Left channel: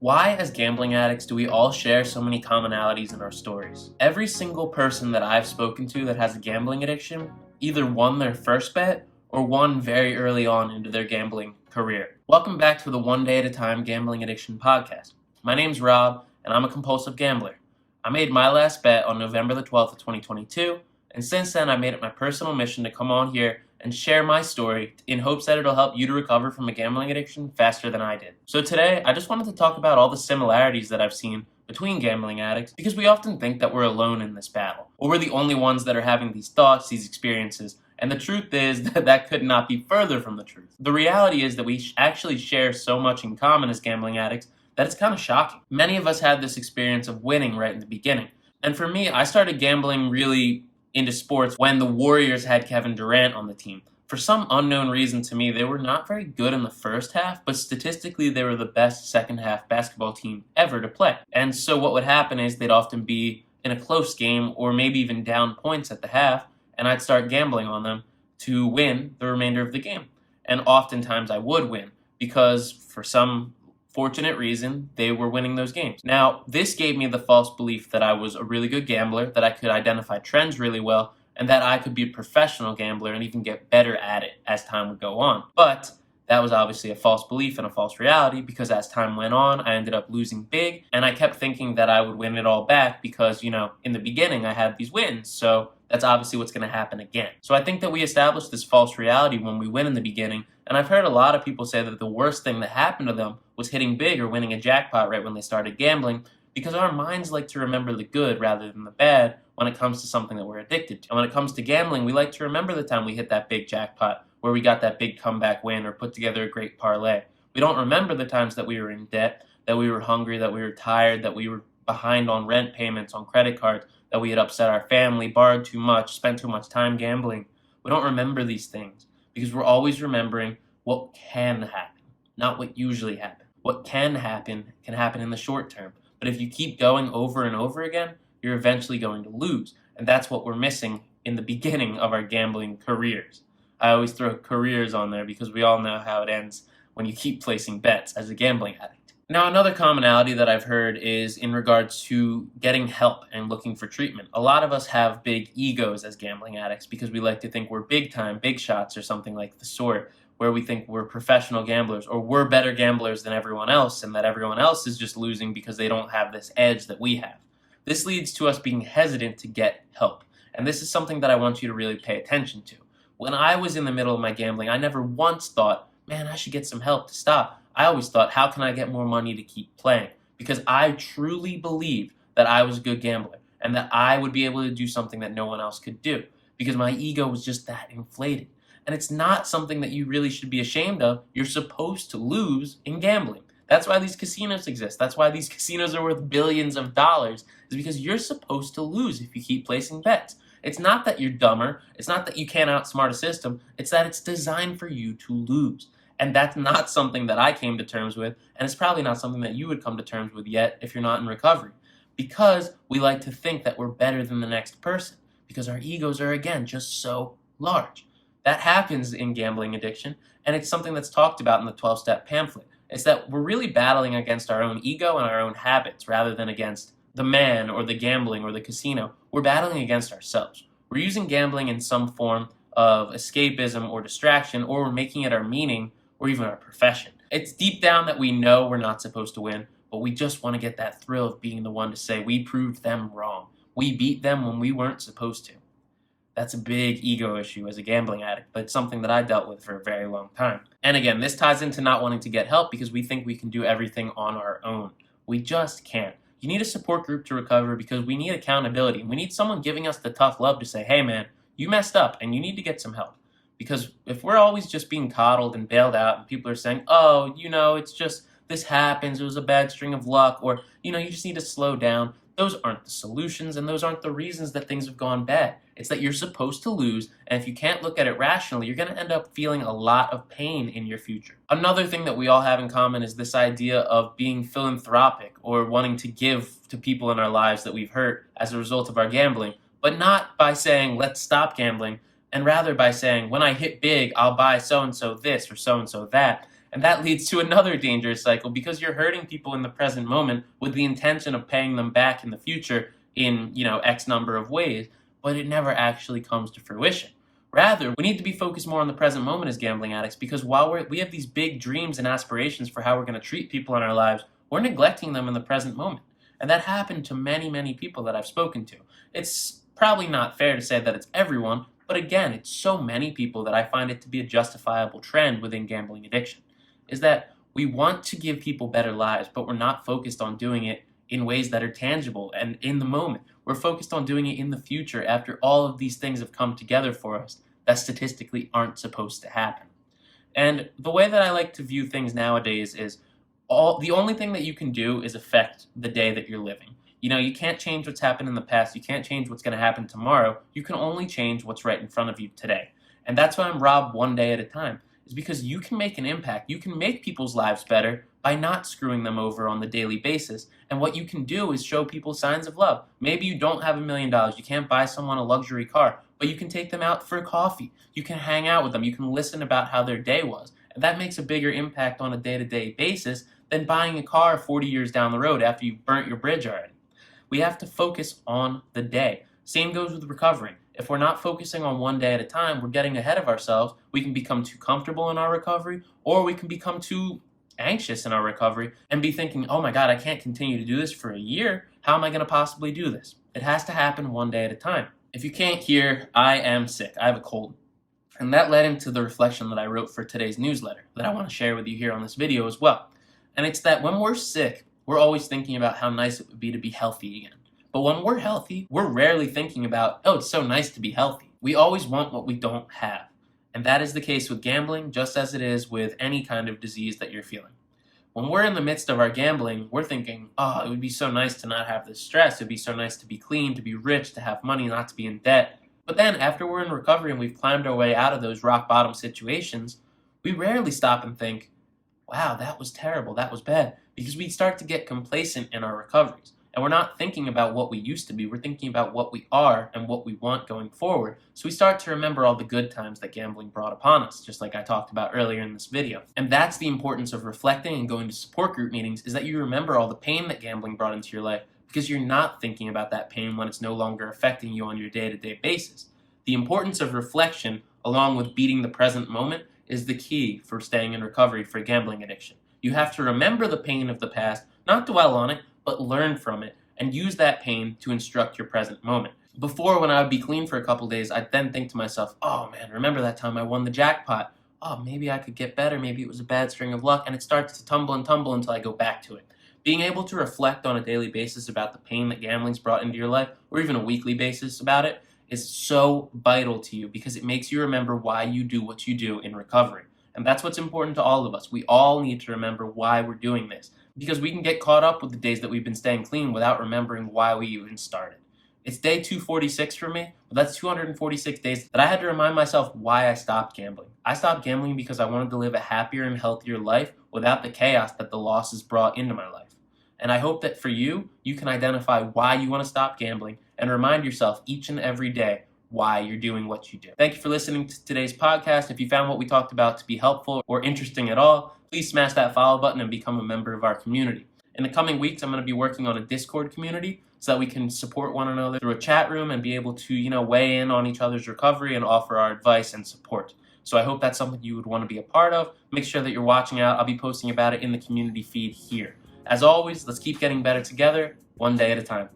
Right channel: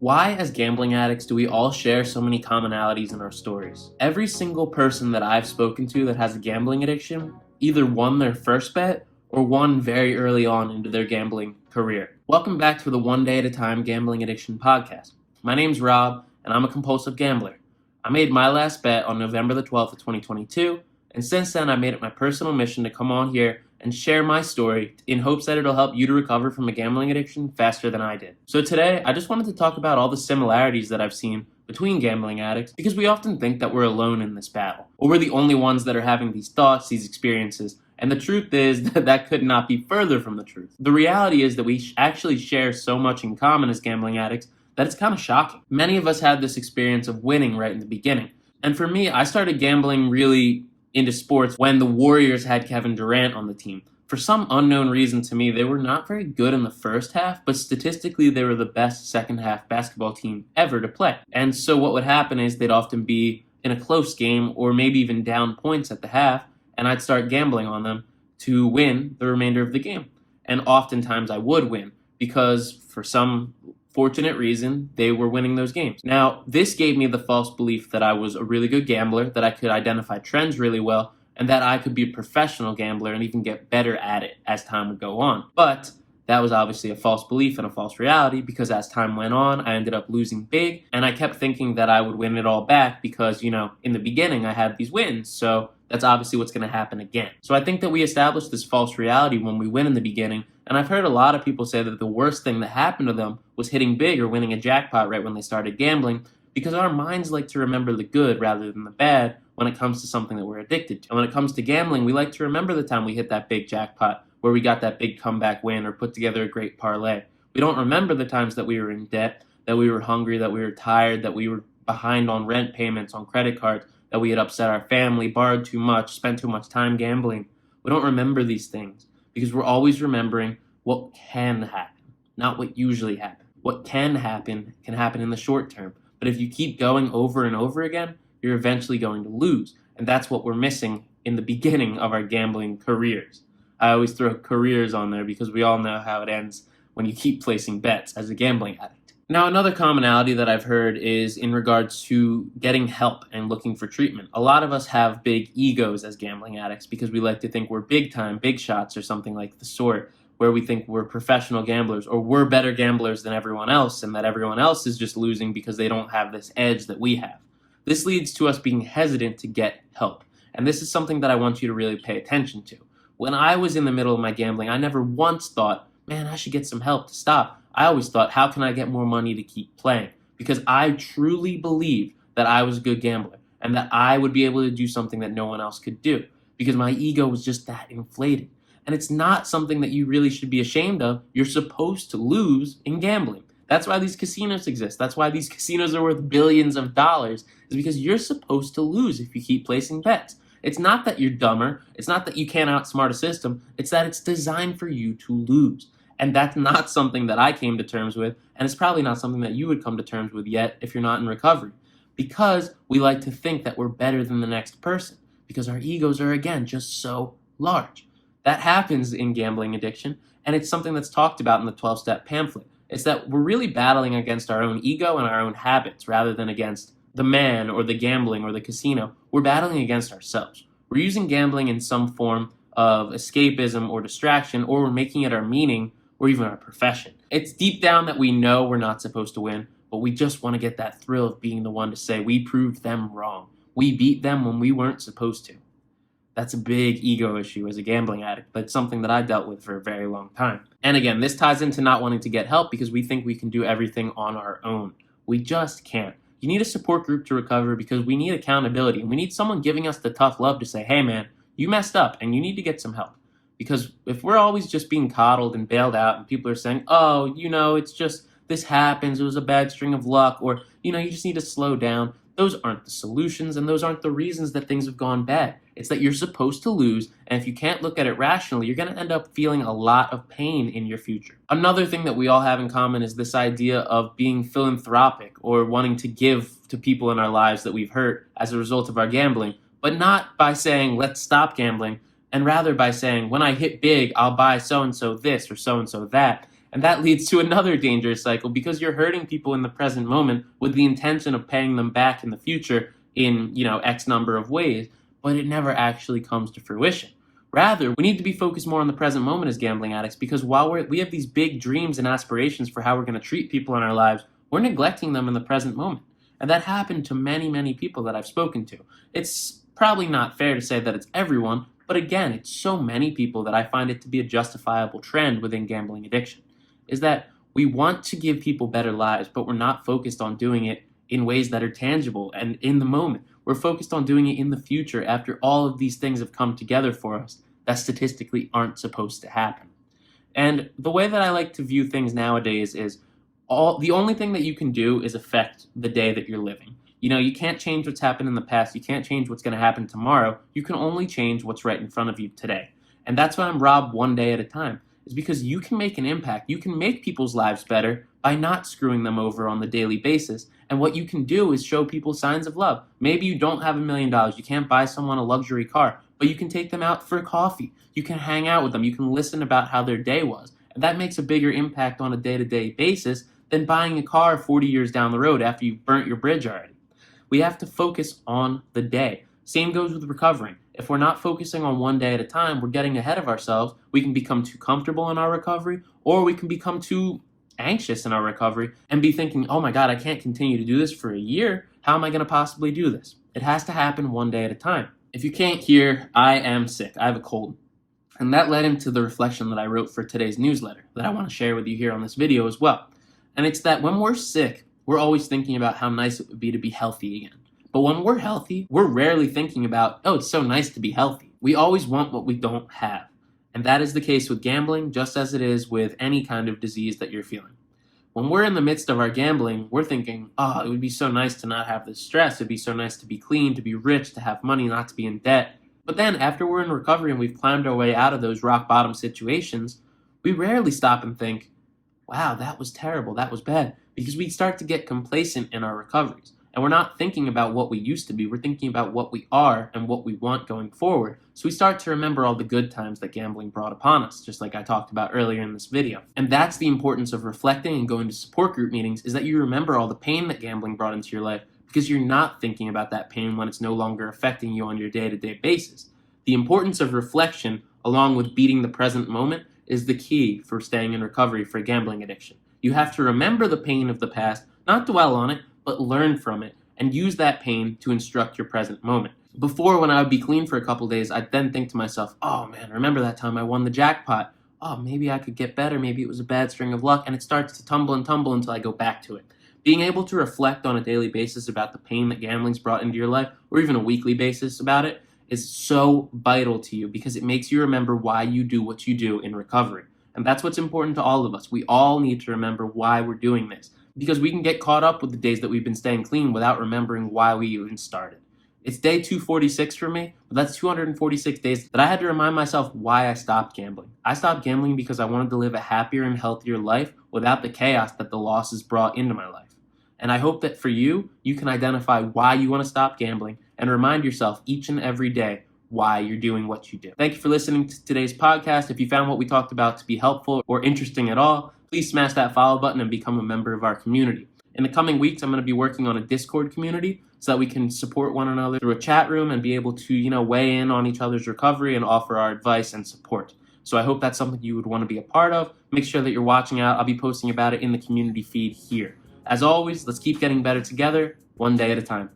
Why, as gambling addicts, do we all share so many commonalities in our stories? Every single person that I've spoken to that has a gambling addiction either won their first bet or won very early on into their gambling career. Welcome back to the One Day at a Time Gambling Addiction Podcast. My name's Rob, and I'm a compulsive gambler. I made my last bet on November the 12th of 2022, and since then I made it my personal mission to come on here and share my story in hopes that it'll help you to recover from a gambling addiction faster than I did. So today, I just wanted to talk about all the similarities that I've seen between gambling addicts, because we often think that we're alone in this battle, or we're the only ones that are having these thoughts, these experiences, and the truth is that could not be further from the truth. The reality is that we actually share so much in common as gambling addicts that it's kind of shocking. Many of us had this experience of winning right in the beginning, and for me, I started gambling really into sports when the Warriors had Kevin Durant on the team. For some unknown reason to me, they were not very good in the first half, but statistically they were the best second half basketball team ever to play. And so what would happen is they'd often be in a close game or maybe even down points at the half, and I'd start gambling on them to win the remainder of the game. And oftentimes I would win because for some fortunate reason, they were winning those games. Now, this gave me the false belief that I was a really good gambler, that I could identify trends really well, and that I could be a professional gambler and even get better at it as time would go on. But that was obviously a false belief and a false reality, because as time went on, I ended up losing big, and I kept thinking that I would win it all back because, in the beginning I had these wins, so that's obviously what's going to happen again. So I think that we established this false reality when we win in the beginning, and I've heard a lot of people say that the worst thing that happened to them was hitting big or winning a jackpot right when they started gambling, because our minds like to remember the good rather than the bad when it comes to something that we're addicted to. And when it comes to gambling, we like to remember the time we hit that big jackpot, where we got that big comeback win or put together a great parlay. We don't remember the times that we were in debt, that we were hungry, that we were tired, that we were behind on rent payments, on credit cards, that we had upset our family, borrowed too much, spent too much time gambling. We don't remember these things because we're always remembering what can happen, not what usually happens. What can happen in the short term. But if you keep going over and over again, you're eventually going to lose. And that's what we're missing in the beginning of our gambling careers. I always throw careers on there because we all know how it ends when you keep placing bets as a gambling addict. Now, another commonality that I've heard is in regards to getting help and looking for treatment. A lot of us have big egos as gambling addicts because we like to think we're big time, big shots or something like the sort, where we think we're professional gamblers or we're better gamblers than everyone else, and that everyone else is just losing because they don't have this edge that we have. This leads to us being hesitant to get help. And this is something that I want you to really pay attention to. When I was in the middle of my gambling, I never once thought, man, I should get some help to stop. I always thought, how can I get more money to keep playing? Because I truly believed that I was a good gambler and that I would be able to do something that no one else could do, because my ego was just that inflated. And it's not something that you really should be ashamed of. You're supposed to lose in gambling. That's why these casinos exist. That's why these casinos are worth billions of dollars, is because you're supposed to lose if you keep placing bets. It's not that you're dumber. It's not that you can't outsmart a system. It's that it's designed for you to lose. And that's not something that I came to terms with, and it's probably not something that you would come to terms with yet if you're not in recovery. Because we like to think that we're better than the next person, because our egos are, again, just so large. That happens in gambling addiction, and it's something that's talked about in the 12-step pamphlet. It's that we're really battling against our own ego and our own habits rather than against the man or the gambling or the casino. We're battling against ourselves. We're using gambling in some form of escapism or distraction, or we're making it our meaning or even our profession. It's deep down that we know we're not supposed to win, but we just want to get that thrill of being the one to say we proved them wrong. We beat them when we weren't supposed to. That's a big ego issue as a gambling addict, but it's something that I dealt with for a very long time. And again, this ties into not wanting to get help because we think we can do everything on our own. We just can't. You need a support group to recover because we need accountability, and we need someone giving us the tough love to say, hey man, you messed up and you need to get some help. Because if we're always just being coddled and bailed out and people are saying, oh, it's just, this happens, it was a bad string of luck, or, you just need to slow down, those aren't the solutions and those aren't the reasons that things have gone bad. It's that you're supposed to lose, and if you can't look at it rationally, you're going to end up feeling a lot of pain in your future. Another thing that we all have in common is this idea of being philanthropic or wanting to give to people in our lives that we've hurt as a result of our gambling, but not by saying, let's stop gambling, and rather by saying, when I hit big, I'll buy so-and-so this or so-and-so that. And that leads to another dangerous cycle because you're hurting people in the present moment with the intention of paying them back in the future in, X number of ways, but it never actually comes to fruition. Rather, we need to be focused more on the present moment as gambling addicts because while we have these big dreams and aspirations for how we're going to treat people in our lives, we're neglecting them in the present moment. And that happened to many, many people that I've spoken to. It's probably not fair to say that it's everyone, but again, it's so many people that I find it to be a justifiable trend within gambling addiction, is that we want to give people better lives, but we're not focused on doing it in ways that are tangible and in the moment. We're focused on doing it in the future after all of these things have come together for us that statistically aren't supposed to happen. And the way that I like to view things nowadays is the only thing that you can do is affect the day that you're living. You can't change what's happened in the past. You can't change what's going to happen tomorrow. You can only change what's right in front of you today. And that's why I'm robbed one day at a time, is because you can make an impact. You can make people's lives better by not screwing them over on the daily basis. And what you can do is show people signs of love. Maybe you don't have $1 million. You can't buy someone a luxury car, but you can take them out for coffee. You can hang out with them. You can listen about how their day was. And that makes a bigger impact on a day-to-day basis than buying a car 40 years down the road after you've burnt your bridge already. We have to focus on the day. Same goes with recovering. If we're not focusing on one day at a time, we're getting ahead of ourselves. We can become too comfortable in our recovery, or we can become too anxious in our recovery and be thinking, oh my God, I can't continue to do this for a year. How am I going to possibly do this? It has to happen one day at a time. If you can't hear, I am sick. I have a cold. And that led into the reflection that I wrote for today's newsletter that I want to share with you here on this video as well. And it's that when we're sick, we're always thinking about how nice it would be to be healthy again. But when we're healthy, we're rarely thinking about, oh, it's so nice to be healthy. We always want what we don't have. And that is the case with gambling, just as it is with any kind of disease that you're feeling. When we're in the midst of our gambling, we're thinking, oh, it would be so nice to not have this stress. It'd be so nice to be clean, to be rich, to have money, not to be in debt. But then after we're in recovery and we've climbed our way out of those rock bottom situations, we rarely stop and think, wow, that was terrible, that was bad, because we start to get complacent in our recoveries. And we're not thinking about what we used to be, we're thinking about what we are and what we want going forward. So we start to remember all the good times that gambling brought upon us, just like I talked about earlier in this video. And that's the importance of reflecting and going to support group meetings, is that you remember all the pain that gambling brought into your life, because you're not thinking about that pain when it's no longer affecting you on your day-to-day basis. The importance of reflection, along with beating the present moment, is the key for staying in recovery for gambling addiction. You have to remember the pain of the past, not dwell on it, but learn from it and use that pain to instruct your present moment. Before, when I would be clean for a couple days, I'd then think to myself, oh man, remember that time I won the jackpot? Oh, maybe I could get better, maybe it was a bad string of luck, and it starts to tumble and tumble until I go back to it. Being able to reflect on a daily basis about the pain that gambling's brought into your life, or even a weekly basis about it, is so vital to you because it makes you remember why you do what you do in recovery. And that's what's important to all of us. We all need to remember why we're doing this, because we can get caught up with the days that we've been staying clean without remembering why we even started. It's day 246 for me, but that's 246 days that I had to remind myself why I stopped gambling. I stopped gambling because I wanted to live a happier and healthier life without the chaos that the losses brought into my life. And I hope that for you, you can identify why you want to stop gambling and remind yourself each and every day why you're doing what you do. Thank you for listening to today's podcast. If you found what we talked about to be helpful or interesting at all, please smash that follow button and become a member of our community. In the coming weeks, I'm going to be working on a Discord community so that we can support one another through a chat room and be able to, weigh in on each other's recovery and offer our advice and support. So I hope that's something you would want to be a part of. Make sure that you're watching out. I'll be posting about it in the community feed here. As always, let's keep getting better together, one day at a time.